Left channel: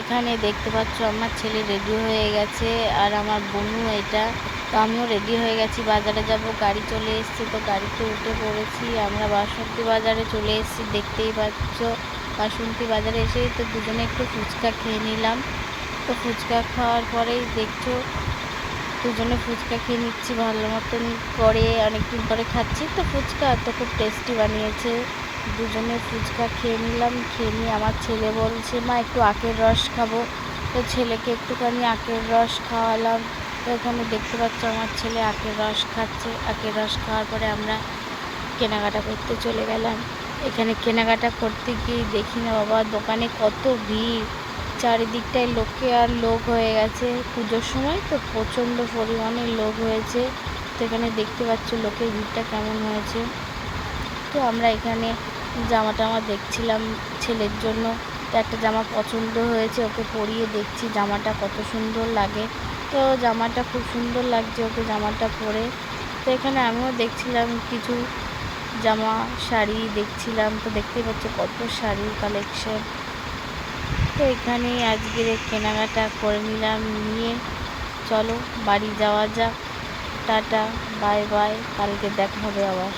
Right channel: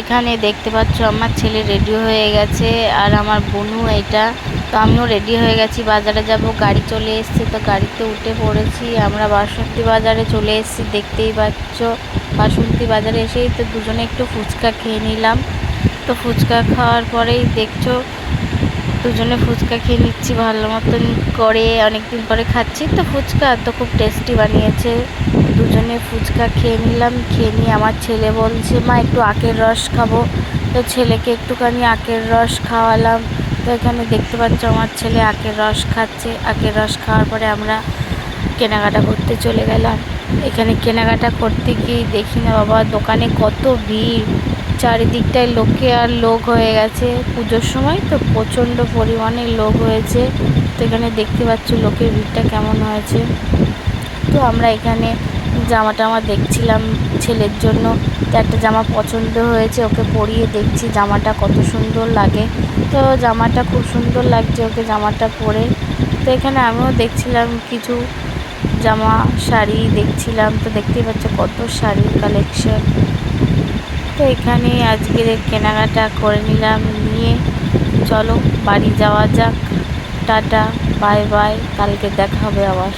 এখানে দেখতে পাচ্ছ আমার ছেলে রেডি হয়ে গেছে আর আমার বোনও এটা। তো আমিও রেডি হয়ে গেছি, বাজারে যাব। গাড়ি চলে এসছে, তো গাড়িতে উঠে পড়েছি। আমরা বাসন্তী বাজারে চলে এসেছি, দেখতেই পাচ্ছ। বাসন্তী বাজারে এসেই তো দুজনে একটু ফুচকা খেয়ে নিলাম। তো ফুচকা খাওয়ার পরেই দেখছো দুজনে ফুচকা খেয়ে নিচ্ছি ভালো মতন করে, অনেকদিন পরে খাচ্ছি তো ফুচকা, তো খুব টেস্টি বানিয়েছে। দুজনে ফুচকা খেয়ে নিলাম। খেয়ে নিয়ে আমার ছেলে বলছে মা একটু আখের রস খাবো, তো ছেলেকে একটুখানি আখের রস খাওয়ালাম। তো এখানে দেখতে পাচ্ছ আমার ছেলে আখের রস খাচ্ছে। আখের রস খাওয়ার পরে আমরা কেনাকাটা করতে চলে গেলাম। এখানে কেনাকাটা করতে গিয়ে দেখি না বাবা, দোকানে কত ভিড়, চারিদিকটায় লোকে আর লোক হয়ে গেছে। পুজোর সময় তো প্রচণ্ড পরিমাণে লোক হয়েছে। তো এখানে দেখতে পাচ্ছ লোকের ভিড়টা কেমন হয়েছে। তো আমরা এখানে জামা টামা দেখছিলাম ছেলের জন্য। তো একটা জামা পছন্দ হয়েছে, ওকে পরিয়ে দেখছি জামাটা কত সুন্দর লাগে। তো জামাটা খুব সুন্দর লাগছে ওকে জামাটা পরে। তো এখানে আমিও দেখছিলাম কিছু জামা শাড়ি দেখছিলাম। তো দেখতেই পাচ্ছ কত শাড়ির কালেকশন। তো এখানে আজকে কেনাকাটা করে নিলাম, নিয়ে চলো বাড়ি যাওয়া যাক। টাটা, বাই বাই, কালকে দেখা হবে আবার।